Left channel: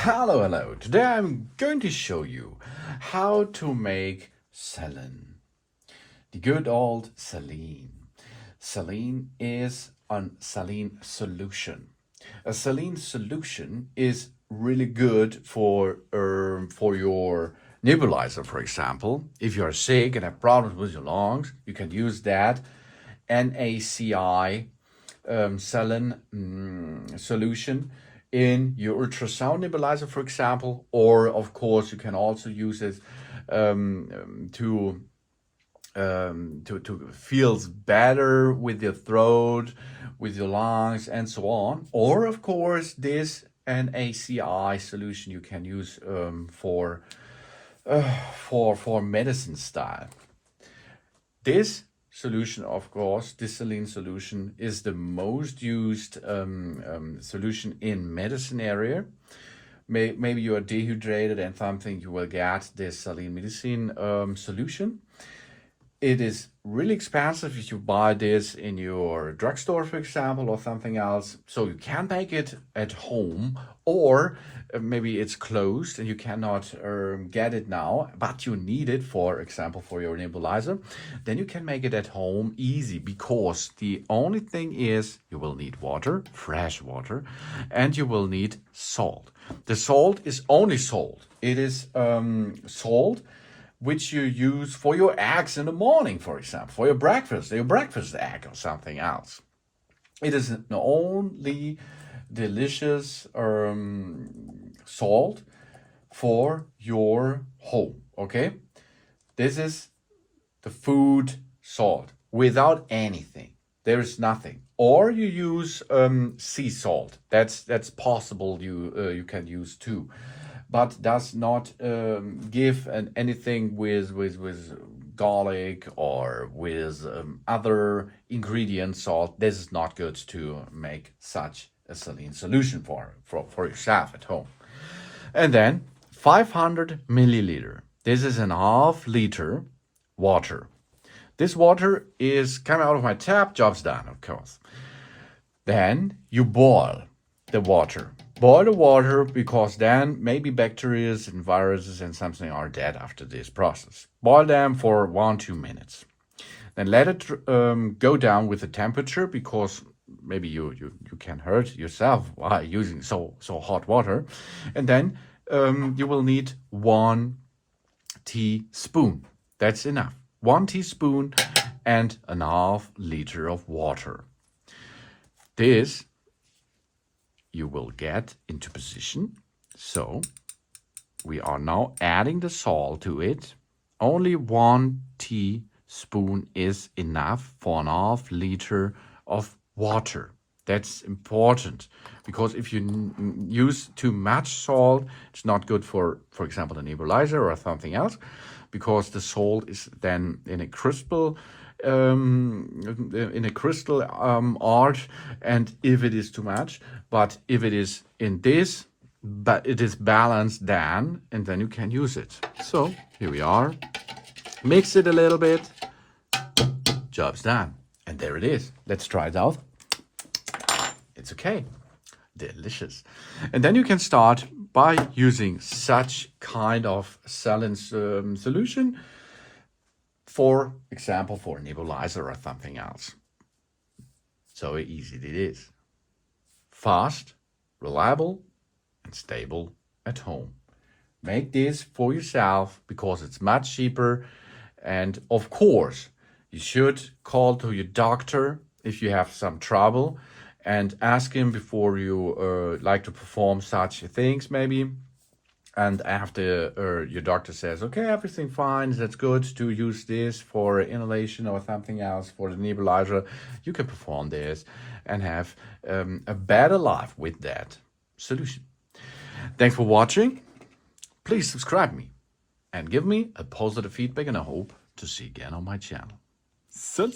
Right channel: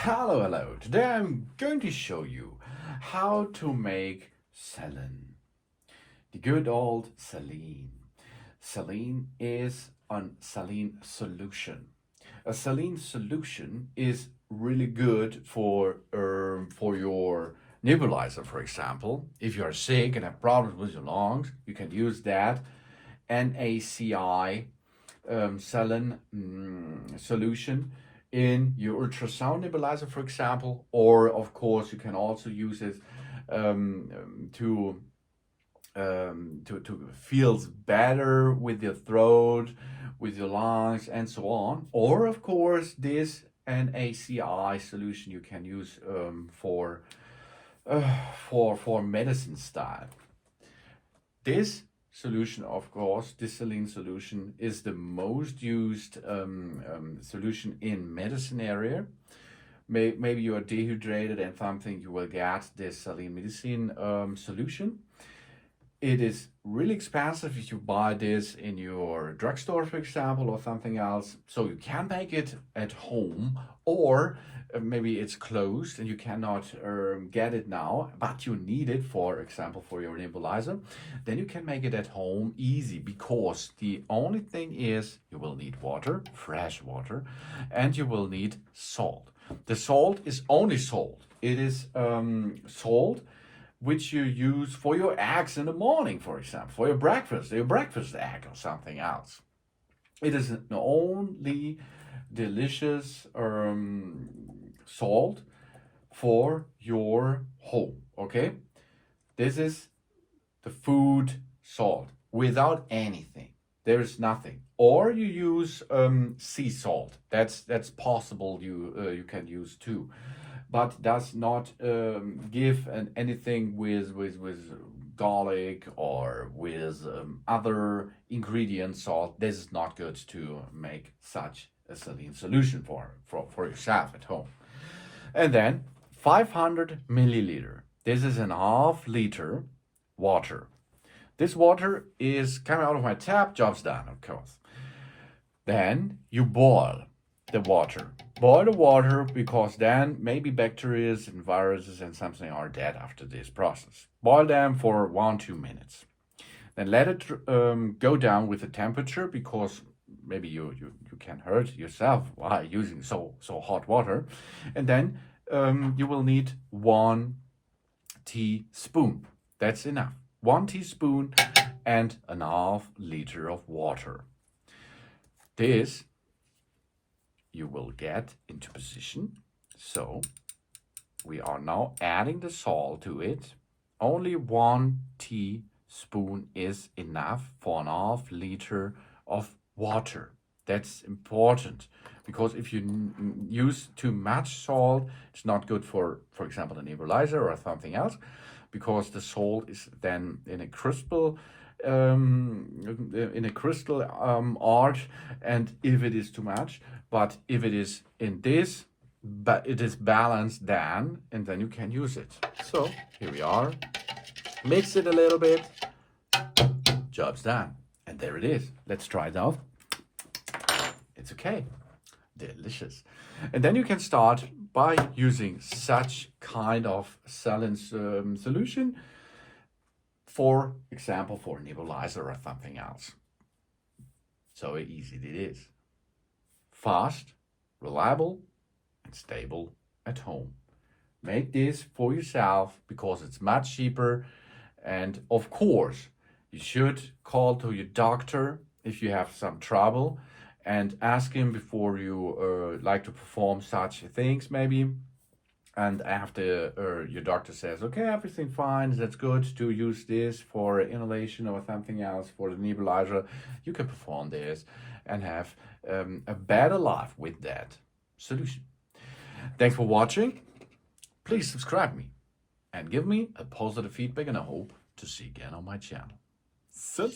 Hello. Today I'm going to show you how to make saline. The good old saline. Saline is a saline solution. A saline solution is really good for your nebulizer, for example. If you are sick and have problems with your lungs, you can use that NaCl saline solution in your ultrasound nebulizer, for example, or of course you can also use it to feel better with your throat, with your lungs, and so on. Or of course, this NaCl solution you can use for medicine style. This solution, of course, this saline solution is the most used solution in medicine area. Maybe you are dehydrated and something, you will get this saline medicine solution. It is really expensive if you buy this in your drugstore, for example, or something else. So you can make it at home, or maybe it's closed and you cannot get it now, but you need it, for example, for your nebulizer. Then you can make it at home easy, because the only thing is you will need water, fresh water, and you will need salt. The salt is only salt. It is salt which you use for your eggs in the morning, for example, for your breakfast egg or something else. It is the only delicious salt for your home, okay? This is the food salt without anything. There is nothing. Or you use sea salt. That's possible. You can use too, but does not give anything with garlic or with other ingredient salt. This is not good to make such a saline solution for yourself at home. And then 500 milliliter. This is an half liter water. This water is coming out of my tap, job's done, of course. Then you boil the water. Boil the water, because then maybe bacteria and viruses and something are dead after this process. Boil them for 1-2 minutes. Then let it go down with the temperature, because maybe you can hurt yourself while using so hot water. And then you will need 1 teaspoon. That's enough. 1 teaspoon and a half liter of water. This you will get into position. So we are now adding the salt to it. Only 1 teaspoon is enough for an half liter of water. That's important, because if you use too much salt, it's not good for example, a nebulizer or something else, because the salt is then in a crystal art, and if it is too much, but if it is in this, but it is balanced then, and then you can use it. So here we are, mix it a little bit, job's done, and there it is. Let's try it out. It's okay, delicious. And then you can start by using such kind of saline solution, for example, for a nebulizer or something else. So easy it is. Fast, reliable, and stable at home. Make this for yourself, because it's much cheaper. And of course, you should call to your doctor if you have some trouble, and ask him before you like to perform such things maybe. And after your doctor says, okay, everything fine, that's good to use this for inhalation or something else for the nebulizer, you can perform this and have a better life with that solution. Thanks for watching. Please subscribe me and give me a positive feedback, and I hope to see you again on my channel. So.